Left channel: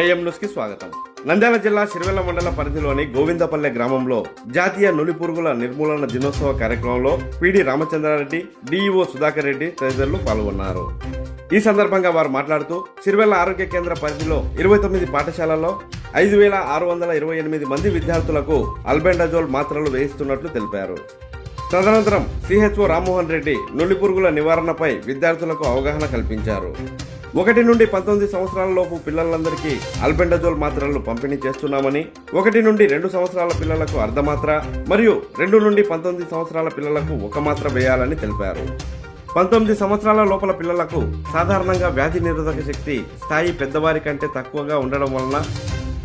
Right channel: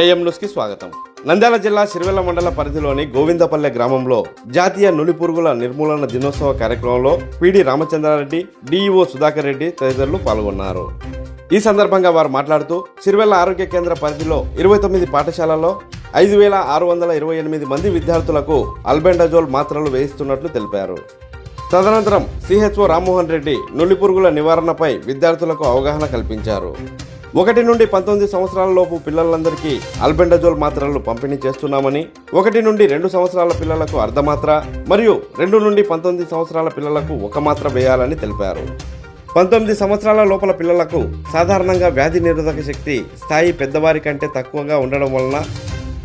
AM న్యూస్కి స్వాగతం. నంద్యాల జిల్లా సిరివెల్ల మండల పరిధిలోని గోవిందపల్లె గ్రామంలో జాతీయ నులి పురుగుల నిర్మూలన దినోత్సవ కార్యక్రమంలో పిడి రామచంద్రారెడ్డి డిఈఓ సుధాకర్ రెడ్డి తదితరులు పాల్గొన్నారు. ఈ సందర్భంగా వారు మాట్లాడుతూ సిరివెల్ల ఆరోగ్య కేంద్ర పరిధిలో ఇరవై తొమ్మిది పాఠశాలలో ఐదు వేల ఆరు వందల ఇరవై ఎనిమిది మంది విద్యార్థులకు అల్బెండజోల్ మాత్రలు వేయిస్తున్నట్లు తెలిపారు. తదనంతరం సిహెచ్ఓ రామ్మోహన్ రెడ్డి నులి పురుగుల నివారణపై విద్యార్థులకు అవగాహన కల్పించారు. ఒకటి నుండి పంతొమ్మిది సంవత్సరాల లోపు పిల్లలందరికీ అల్బెండజోల్ మాత్రలు పంపిణీ చేస్తున్నామని ఒకటి నుండి రెండు సంవత్సరాల పిల్లలకు అర్ధమాత్ర మరియు రెండు నుండి పంతొమ్మిది సంవత్సరాల పిల్లలకు ఒక మాత్ర వేయాలని తెలిపారు. పంతొమ్మిది సంవత్సరాల లోపల పిల్లలకు సాధారణంగా వ్యాధి నిరోధక శక్తి స్థాయి పెద్దవారి కంటే తక్కువగా ఉండడం వలన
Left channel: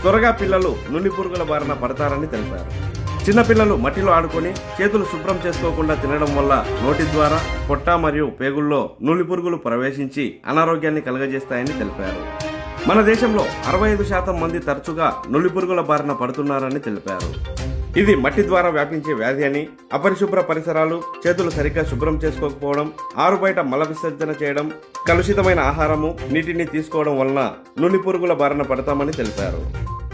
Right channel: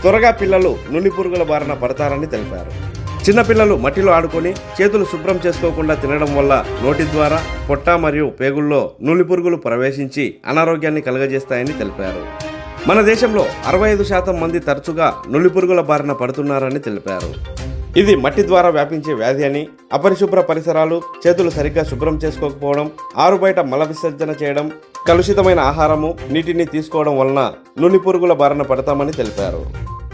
త్వరగా పిల్లలు నులి పురుగుల బారిన పడతారని తెలిపారు. చిన్నపిల్లలు మట్టిలో ఆడుకొని చేతులు శుభ్రం చేసుకోకుండా తినడం వల్ల నోటి ద్వారా పొట్ట మరియు పేగుల్లో నులి పురుగులు ప్రవేశించి అనారోగ్యాన్ని కలుగజేస్తాయని తెలిపారు. మన దేశంలో అరవై ఐదు శాతం మంది తరచుగా నులి పురుగుల బారిన పడుతున్నారని తెలిపారు. ఇది మట్టి ద్వారా వ్యాపించే వ్యాధి అని అపరిశుభ్ర పరిసరాలు చేతులు సరిగ్గా శుభ్రం చేసుకోకపోవడం ఆరు బయట మల విసర్జన చేయడం కలుషితమైన ఆహారము నీటిని తీసుకోవడం వలన నులి పురుగుల బారిన పడతామని తెలిపారు.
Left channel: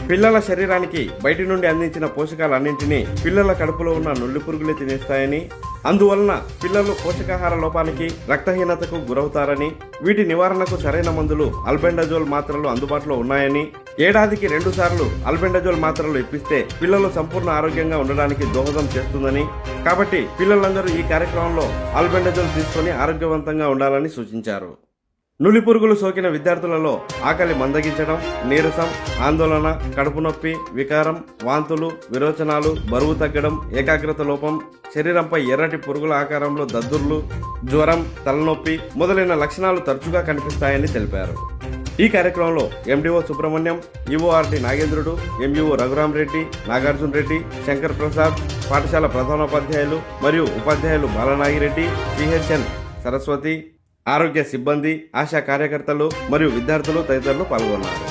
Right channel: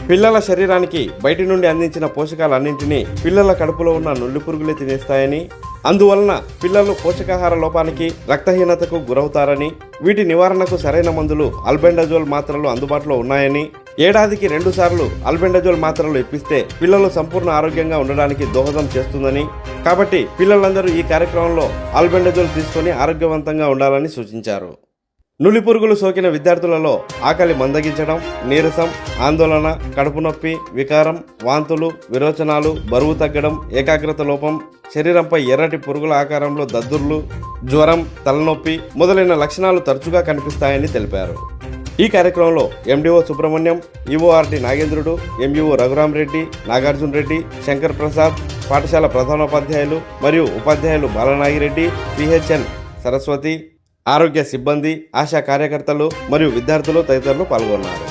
పిల్లల శరీరానికి బయటి నుండి అందించిన పోషకాలన్నింటినీ పిల్లల కడుపులో ఉన్న నుల్లి పురుగులే తినేస్తాయని అందువలన పిల్లలు పోషకాహార లోపానికి రక్తహీనతకు గురవుతారని వీటి నివారణకు సరైన మందులు అల్బెండజోల్ మాత్రలు అందుబాటులో ఉన్నాయని ఏడాదికి రెండు సార్లు అల్బెండజోల్ మాత్రలు ఇప్పిస్తే పిల్లలు సంపూర్ణ ఆరోగ్యంగా ఉండడానికి దోహదం చేస్తుందని కాబట్టి పిల్లలందరూ ఈ కార్యక్రమంలో అల్బెండజోల్ తీసుకొని ఆరోగ్యవంతంగా ఉండాలని సూచించారు. నులి పురుగులు సోకిన విద్యార్థులలో ఆకలి మందగించడం నీరసం ఆందోళన కడుపు నొప్పి వికారం వాంతులు విరోచనాలు బరువు తగ్గడం ఏకాగ్రత లోపం శరీరంపై ఎర్రటి పురుగుల ఆకారంలో దద్దుర్లు జ్వరం తలనొప్పి మొదలైన లక్షణాలు తరచుగా కనిపిస్తాయని తెలిపారు. ఈ కార్యక్రమంలో MDO Subrahmanyam EORD Nagendrudu MEO Raghuram Reddy Nagarjuna Reddy Shankar Prasad పాఠశాల ప్రధానోపాధ్యాయులు మరియు ఉపాధ్యాయులు బాలనాగిరెడ్డి పిహెచ్ఎన్ సరస్వతి ఆరోగ్య సిబ్బంది ఆశా కార్యకర్తలు మరియు విద్యార్థులు తదితరులు పాల్గొన్నారు.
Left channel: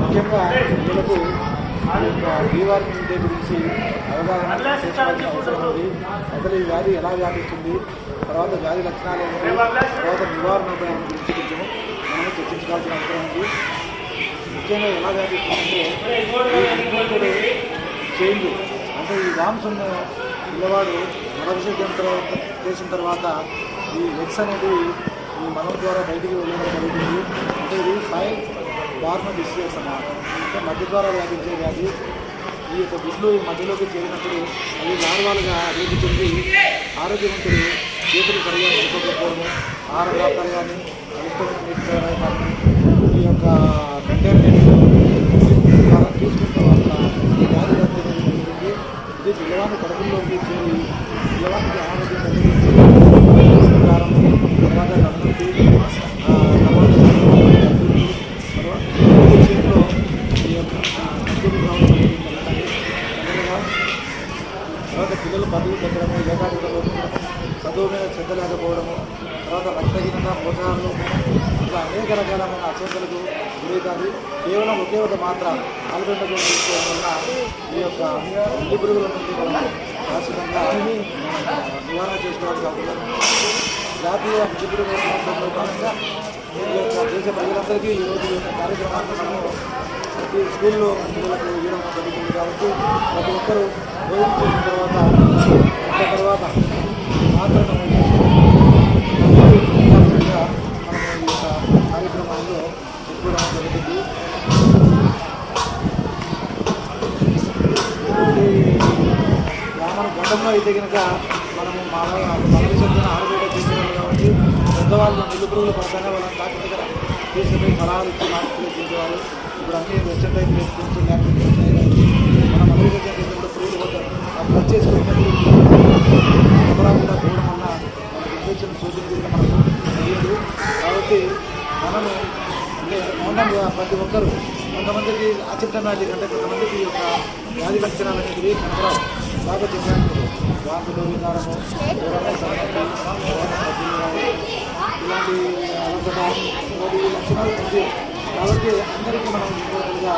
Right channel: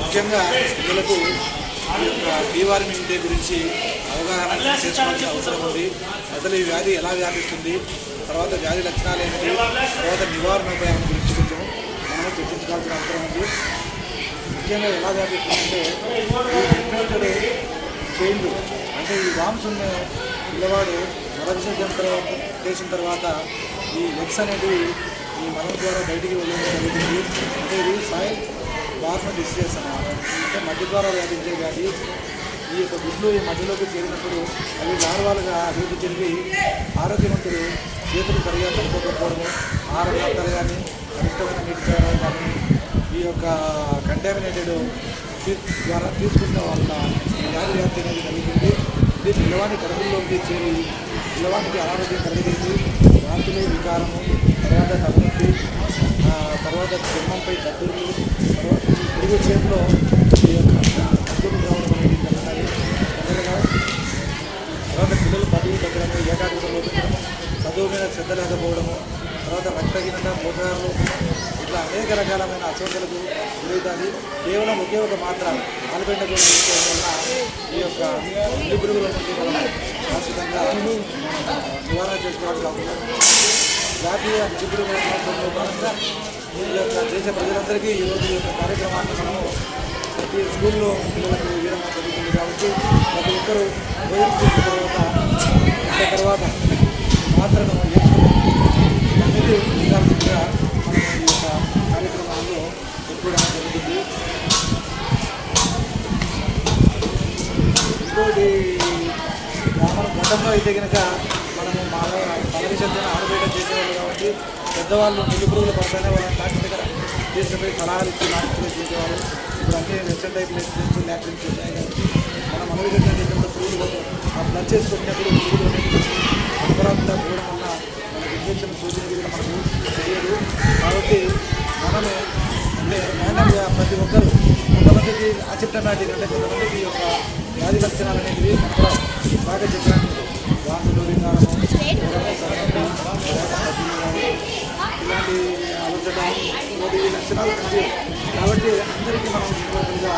ముఖ్యంగా పిల్లలకు ఈ యొక్క డివార్మింగ్ డే గురించి అవగాహన చేసుకోవాల్సిన అవసరం ఉంది. అసలు ఈ వ్యాధి ఎలా వ్యాపిస్తుంది? తర్వాత వ్యాధి లక్షణాలు ఏమిటి? తర్వాత నివారణ ఉపాయాల గురించి కొంచెం మనం చర్చించుకోవాల్సిన అవసరం ఉంది. ముఖ్యంగా ఎలా వ్యాపిస్తుందంటే ఈ చేంజ్ అంటే ఈ వామ్స్ ఉన్న పిల్లవాడు మరొకసారి చేసిన తర్వాత ఈ లెగ్స్ అనేది ఈ మనం ద్వారా బయటికి వెళ్ళడం జరుగుతుంది. అంటే ఇది సాయిల్ బార్న డిసీజెస్ అన్నమాట. అంటే మధ్య ద్వారా వ్యాపించే వ్యాధి ఈ యొక్క గుడ్లు ఈ మధ్యలోకి చేరినప్పుడు అవి లార్వాలుగా అభివృద్ధి చెంది ఆరోగ్యవంతులు చేతులు సరిగా పడుకోకపోవడము ఆహార పదార్థాలు కానీ కలుషితమైన నీటి చేయడం కానీ ఈ యొక్క కంటామినేటెడ్ ద్వారా తీసుకుంటే వాళ్ళ వ్యాధి వ్యాప్తి అనేది జరుగుతుంది ఇది పిల్లవాడి కడుపులోకి చేరి పిల్లవాడికి అనారోగ్యం కలిగించి కారము తర్వాత తలనొప్పి తర్వాత దగ్గులు, తర్వాత ఈ యొక్క రావడం అనేది తర్వాత పిల్లలు పదవి దగ్గర ఏకాగ్రత చదువు మీద శ్రద్ధ లేకపోవడము తర్వాత రక్తహీనత పోషకాహార ఇట్లా అనేక రకాలమైన అస్వస్థలకు గురవుతుంది కేవలం ఒకే ఒక మాత్ర ఆలుగడ్డలు తీసుకోవడం వల్ల ఈ యొక్క ఉల్లి పురుగుల నుండి మనం శాశ్వతంగా నివారణ చేసుకోవాల్సిన అవసరం జాతీయ ఉల్లి పురుగుల దినోత్సవంలో భాగంగా ఈ యొక్క దేశ ప్రజలందరికీ ఈరోజు ఈ యొక్క కార్యక్రమాన్ని మనము ప్రతి స్కూల్లో పిల్లలకు ఇవ్వడం జరుగుతుంది కాబట్టి ప్రతి ఒక్కరూ భోజనం చేసిన తర్వాత తర్వాత మాత్రమే వేసుకుని మళ్ళీ మనం ఈ యొక్క కార్యక్రమాల్లో పెట్టుకోవడం జరుగుతుంది. గ్రామాల గొప్పంలో అయితే కనుక మనము మా మన విషయంలో ఆరుబయట చేసేవాళ్ళు కాబట్టి పెద్దవాళ్ళు నిలుపురుగుల పరంగా వాళ్ళని డాక్టర్ దగ్గర తీసుకుపోయి ఫలాలు ఇచ్చి మార్పులు చేసేవాళ్ళు. ఇప్పుడు అన్ని వెబ్సైట్ అయితే చేసుకుని ల్యాబ్స్ ఉన్నాయి కాబట్టి మన చేసినప్పుడు పురుగులు పోతాయి ఆ బ్లడ్ చేసుకున్నప్పుడు అపరాధంగా పోవడం వల్ల మనకి ఆలోచన సూచన మనకు తెలియదు. కాబట్టి మనము అంటే ర్యాండమ్గా ప్రతి ఒక్కరు కొంతమందికి అసిప్టమాటిక్ అంటే కొంతమందికి యొక్క వ్యాధి లక్షణాలు అనేవి కనపడవు బాగా చెప్పాను వాంతులు వికారము తర్వాత ఇలాంటి అలసట ఈ లక్షణాలు కాబట్టి అందరికీ మనం యూనివర్సల్గా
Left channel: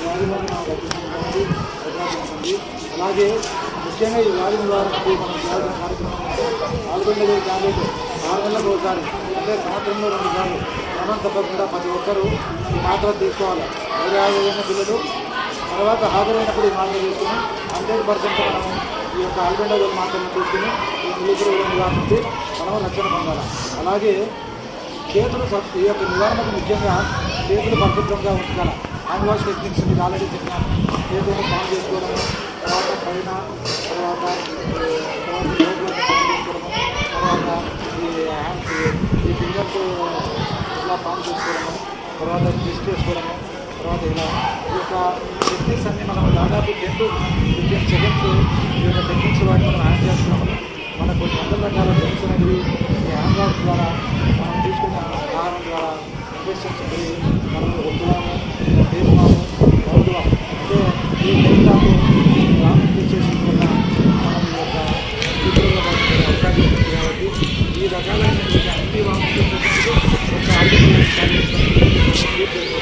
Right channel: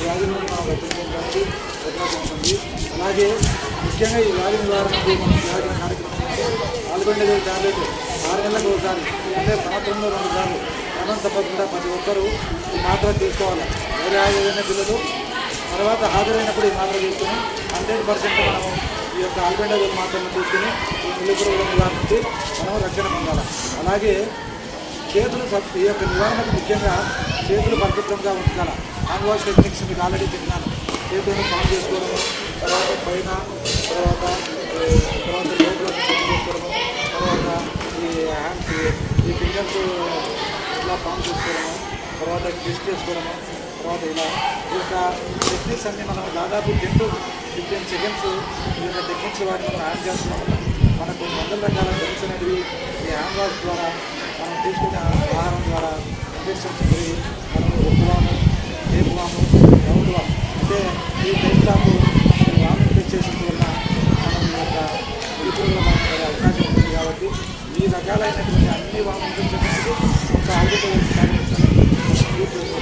వ్యాధి ఉంటుంది అలాగే ముఖ్యంగా ఈ వ్యాధి నివారణకు మనం చేయాల్సిన కార్యక్రమం అంటే ఆల్బెండజల్ టాబ్లెట్ ఆరు నెలలకు ఒకసారి అంటే సంవత్సరంలో రెండు సార్లు క్రమం తప్పకుండా ప్రతి ఒక్కరూ ఈ మాత్ర తీసుకోవాలి. వేరే ఏదైనా పిల్లలు తర్వాత హాజరైనప్పుడు ఈ మాత్ర తీసుకుని హండ్రెడ్ పర్సెంట్ మనము ఈ యొక్క ఆల్బెండజల్ మాత్రలను తీసుకుని ఈ నిలుగురు నివారణ నుంచి మనం రక్షణ పొందాలి. అలాగే చేతులు ఈ యొక్క నివారణకు ముఖ్యంగా చేతులు పరిశుభ్రంగా ఉంచాలి హ్యాండ్ వాష్ టెక్నిక్స్ మీకు ఆల్రెడీ చెప్పినాను చేతులను పాన్ చేసుకోవడము తర్వాత పైన తర్వాత తర్వాత లోపల పాన్ చేసుకోవడము తర్వాత ఈ హ్యాండ్స్ ఈ ఫింగర్స్ ఇలా పాన్ చేసుకోవడము తర్వాత ట్విస్ట్ చేసుకోవడము తర్వాత ఇలా ఈ యొక్క టెక్నిక్స్ అన్నీ మనం దాదాపు టెన్ టు ఫిఫ్టీన్ సెకండ్స్ ఈ యొక్క టెక్నిక్స్ వాటి మనం హ్యాండ్ చేస్తున్నాము. మనకు కొన్ని వందల రకాల డ్రగ్స్ అనేది ఈ హ్యాండ్ ద్వారా మనం తీసుకున్న ఆహారం ద్వారా ఇన్ఫెక్షన్స్ అనేది మనం ఒప్పువాము టేపువాము రౌతువాము అంటే ఈ టైప్ ఆఫ్ రామ్ ఇన్ఫెక్షన్స్ వల్ల మనం ఈ యొక్క ఈపుల పడే అవకాశం ఉంటుంది కాబట్టి ఈ రకాలైనటువంటి అన్ని వామ్ ఇన్ఫెక్షన్స్ ఒక ఆర్థిక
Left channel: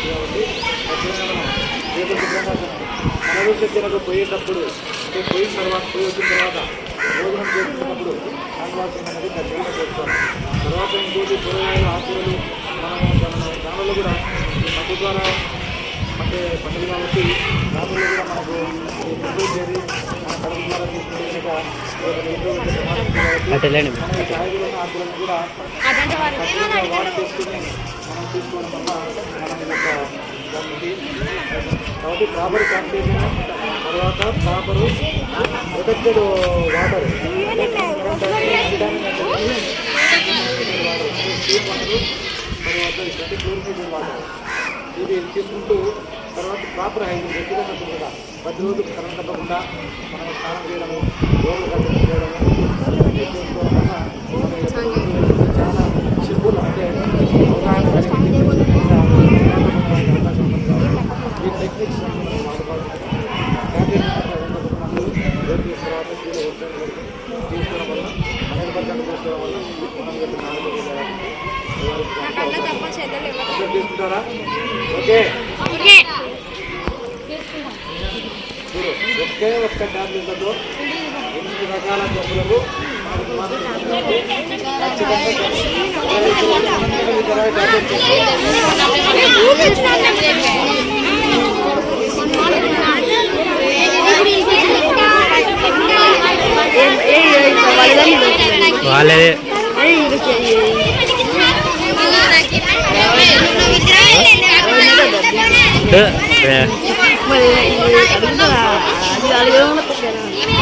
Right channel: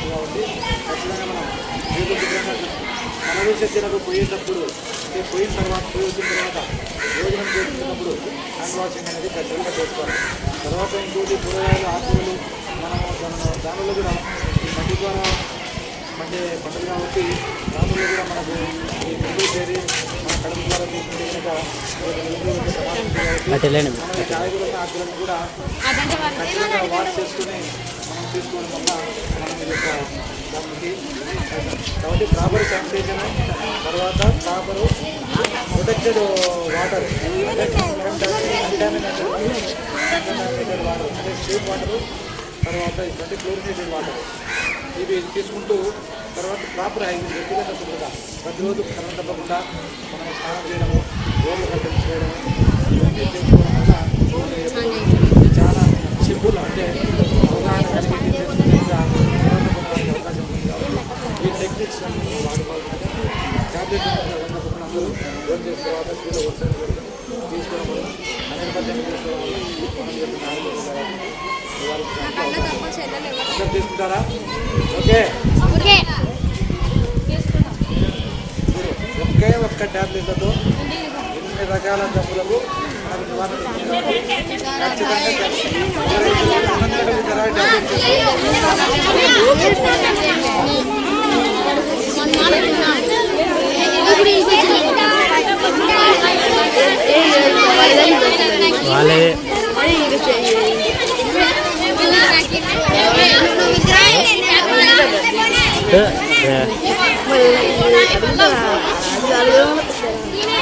కాబట్టి ఖచ్చితంగా మనం ఏదో శుభ్రంగా మల విసర్జనకు పోయేటప్పుడు అంటే పోయిన తర్వాత పోయి వచ్చిన తర్వాత భోజనం చేసుకున్నప్పుడు హ్యాండ్ వాషింగ్ అనేది ఖచ్చితంగా చేసుకోవాలి తర్వాత ఇంకోటి కూరగాయలు ఆకుకూరలు మనము దాని దానిలో కూడా ఈ మట్టి ద్వారా అంటే పంటలు కాబట్టి దానిలో కూడా మనకు ఈ ముందు చేరి మన కడుపు ద్వారా తీసుకుంటే కనుక కాబట్టి మనం కాయగూరలను ఆకులను కూడా ఖచ్చితంగా వాష్ చేసుకుని మనం తీసుకోవడం వల్ల మనం ఈ యొక్క దానికి కాబట్టి ప్రాపర్ శానిటేషన్ తర్వాత proper protected water sweet water తర్వాత ఇటువంటి క్లోరినేటెడ్ వాటర్ ఇవి తీసుకుంటూ తర్వాత ప్రాపర్ హైజీన్ వ్యక్తిగత శుభ్రత. ప్రతిరోజు కరెంట్ తప్పకుండా మనం స్నానం చేయడము రోగులు కట్టడం చేయడము ఇవన్నీ చేసుకోవడం వల్ల చాలా సింపుల్ అంటే అవగాహన కలిగి తెలుసుకునేందుకు అవకాశం ఉంటుంది కాబట్టి ఈ టెక్నిక్స్ మనం వాడుకోవాలి ట్యాబ్లెట్ తప్పకుండా అందరూ రోడ్ చేసిన తర్వాత కీలో వస్తుంది తీసుకోవడం వల్ల హండ్రెడ్ పర్సెంట్ తీసుకోవడం వల్ల మనం యొక్క ఆరోగ్యం తీసుకుంటారా ఓకే ఒకే ఒక్క టాబ్లెట్లతో ఎన్ని రకాల జబ్బులకు మనకు నివారణ ఉంటుంది. ఖచ్చితంగా ఎవరైతే ఈ తర్వాత టాబ్లెట్ తీసుకోవాలి. వాళ్ళదే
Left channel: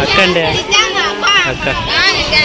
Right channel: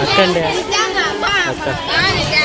అక్క అండి అక్క